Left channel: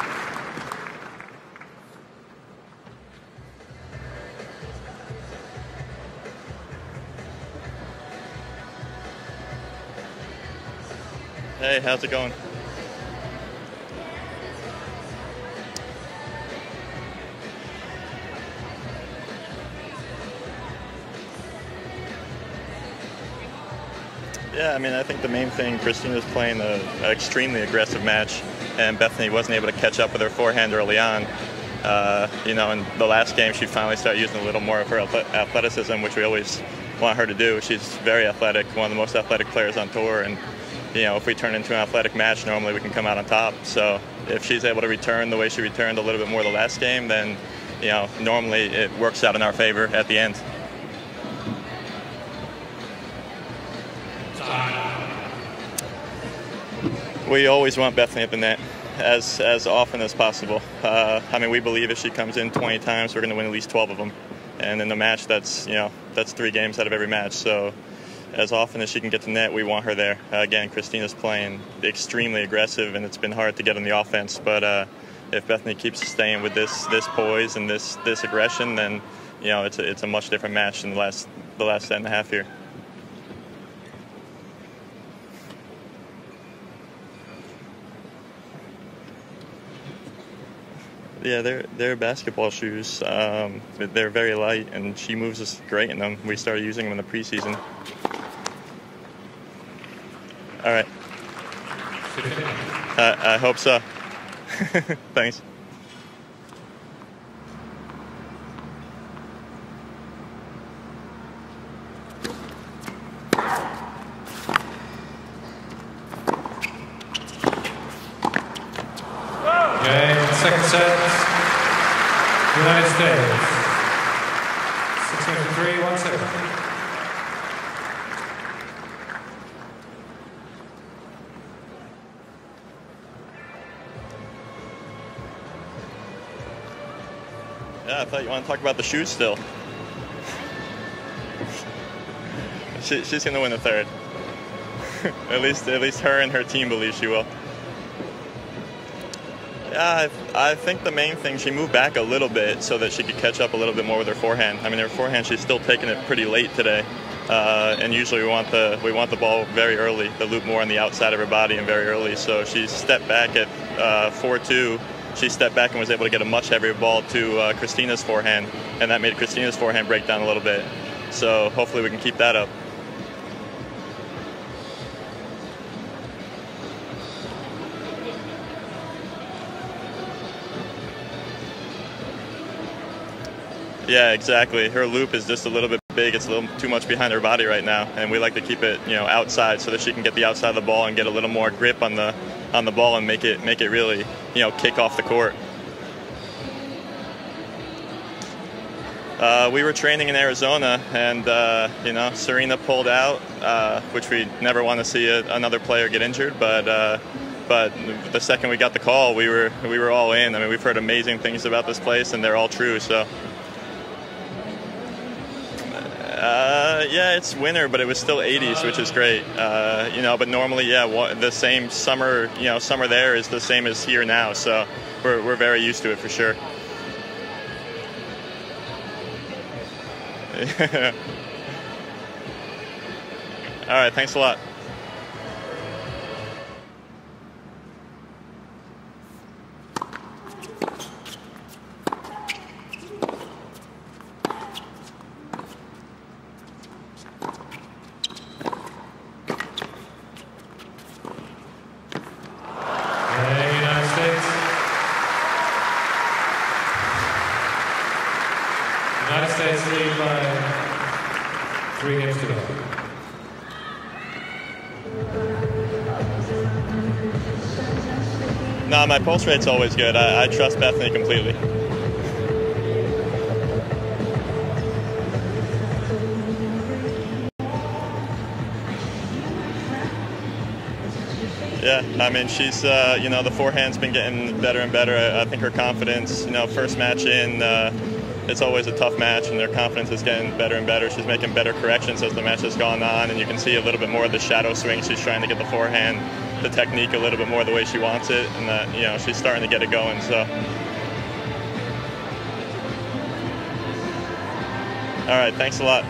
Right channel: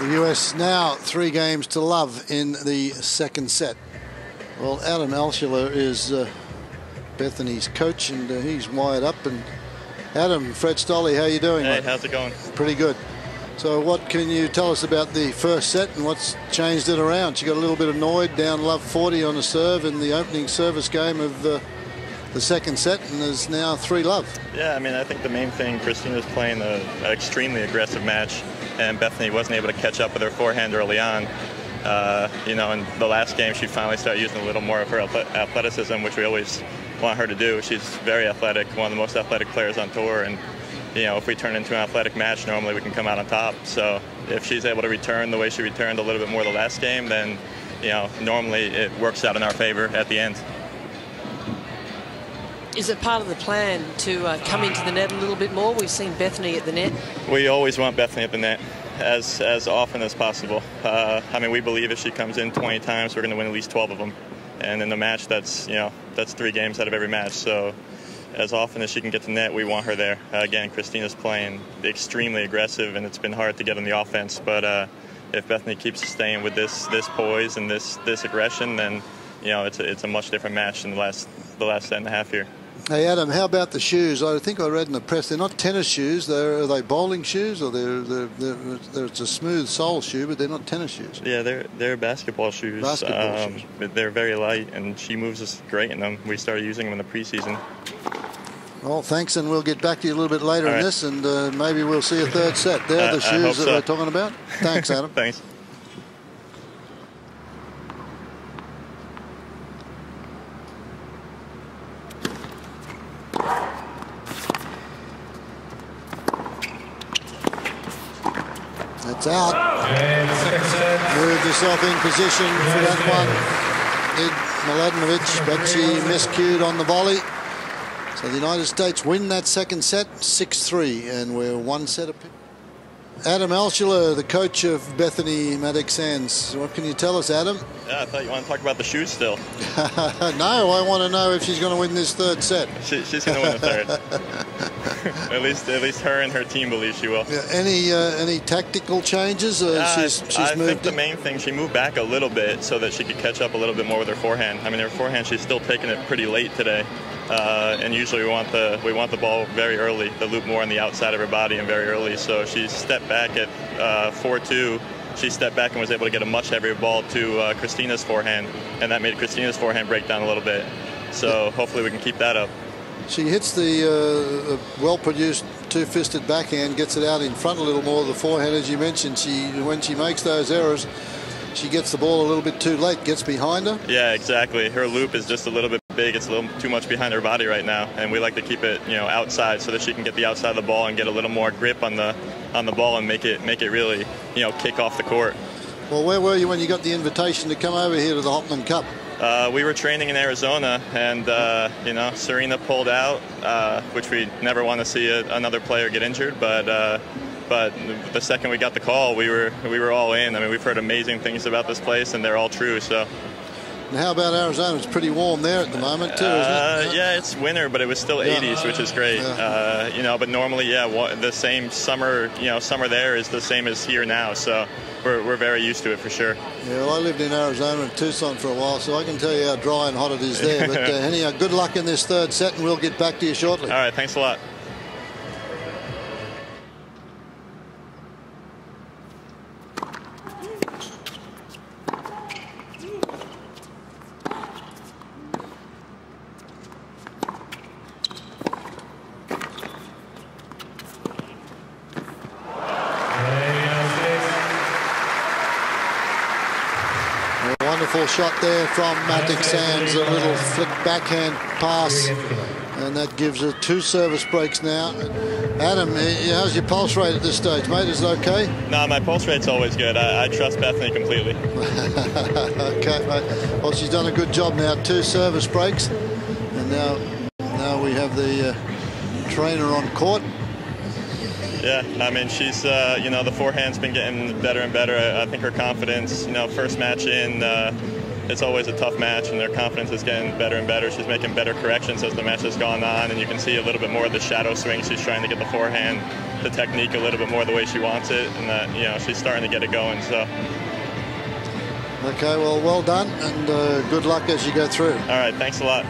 The US now 3 games to love in the second set. Well, Adam Altschuler is Bethanie's coach, and he's wired up. And Adam, Fred Stolle, how you doing? Hey, mate? how's it going? Pretty good. So what can you tell us about the first set and what's changed it around? She got a little bit annoyed, down love 40 on a serve in the opening service game of the second set, and is now 3-love. Yeah, I mean, I think the main thing, Kristina's playing an extremely aggressive match, and Bethanie wasn't able to catch up with her forehand early on. You know, in the last game, she finally started using a little more of her athleticism, which we always want her to do. She's very athletic, one of the most athletic players on tour, and you know, if we turn into an athletic match, normally we can come out on top. So if she's able to return the way she returned a little bit more the last game, then, you know, normally it works out in our favor at the end. Is it part of the plan to come into the net a little bit more? We've seen Bethanie at the net. We always want Bethanie at the net as often as possible. I mean, we believe if she comes in 20 times, we're going to win at least 12 of them. And in the match, that's 3 games out of every match. So as often as she can get to net, we want her there. Again, Kristina's playing extremely aggressive, and it's been hard to get on the offense. But if Bethanie keeps staying with this poise and this aggression, then you know it's a much different match than the last set and a half here. Hey Adam, how about the shoes? I think I read in the press they're not tennis shoes. Are they bowling shoes, or it's a smooth sole shoe, but they're not tennis shoes? Yeah, they're basketball shoes. Shoes. They're very light, and she moves us great in them. We started using them in the preseason. Well, thanks, and we'll get back to you a little bit later All on right. this, and maybe we'll see a third set. They're the shoes that we're talking about. Thanks, Adam. Thanks. It's out. Okay, second set. Moved yourself in position. Mladenovic, but she miscued on the volley. So the United States win that second set 6-3, and we're 1 set apiece. Adam Altschuler, the coach of Bethanie Mattek-Sands. What can you tell us, Adam? I thought you want to talk about the shoes still. No, I want to know if she's going to win this third set. She's going to win the third. at least her and her team believe she will. Yeah, any tactical changes? I think the main thing, she moved back a little bit so that she could catch up a little bit more with her forehand. I mean, her forehand, she's still taking it pretty late today. And usually we want the ball very early, the loop more on the outside of her body and very early. So she stepped back at 4-2. She stepped back and was able to get a much heavier ball to Kristina's forehand, and that made Kristina's forehand break down a little bit. So hopefully we can keep that up. She hits the well-produced two-fisted backhand, gets it out in front a little more. The forehand, as you mentioned, when she makes those errors, she gets the ball a little bit too late, gets behind her. Yeah, exactly. Her loop is just a little bit big. It's a little too much behind her body right now, and we like to keep it, outside so that she can get the outside of the ball and get a little more grip on the ball and make it really, kick off the court. Well, where were you when you got the invitation to come over here to the Hopman Cup? We were training in Arizona, and Serena pulled out, which we never want to see another player get injured. But the second we got the call, we were all in. I mean, we've heard amazing things about this place, and they're all true. So. And how about Arizona? It's pretty warm there at the moment too, isn't it? Yeah, it's winter, but it was still 80s, which is great. But normally, the same summer, summer there is the same as here now. So we're very used to it for sure. Yeah, well, I lived in Arizona and Tucson for a while, so I can tell you how dry and hot it is there. But anyhow, good luck in this third set, and we'll get back to you shortly. All right, thanks a lot. Wonderful shot there from Mattek-Sands, a little flick backhand pass, and that gives her 2 service breaks now. Adam, how's your pulse rate at this stage, mate? Is it okay? No, my pulse rate's always good. I trust Bethanie completely. Okay, mate. Well, she's done a good job now. 2 service breaks, and now we have the trainer on court. Yeah, I mean, she's, the forehand's been getting better and better. I think her confidence, first match in, it's always a tough match, and their confidence is getting better and better. She's making better corrections as the match has gone on, and you can see a little bit more of the shadow swing. She's trying to get the forehand, the technique a little bit more the way she wants it, and you know, she's starting to get it going. So. Okay, well done, and good luck as you go through. All right, thanks a lot.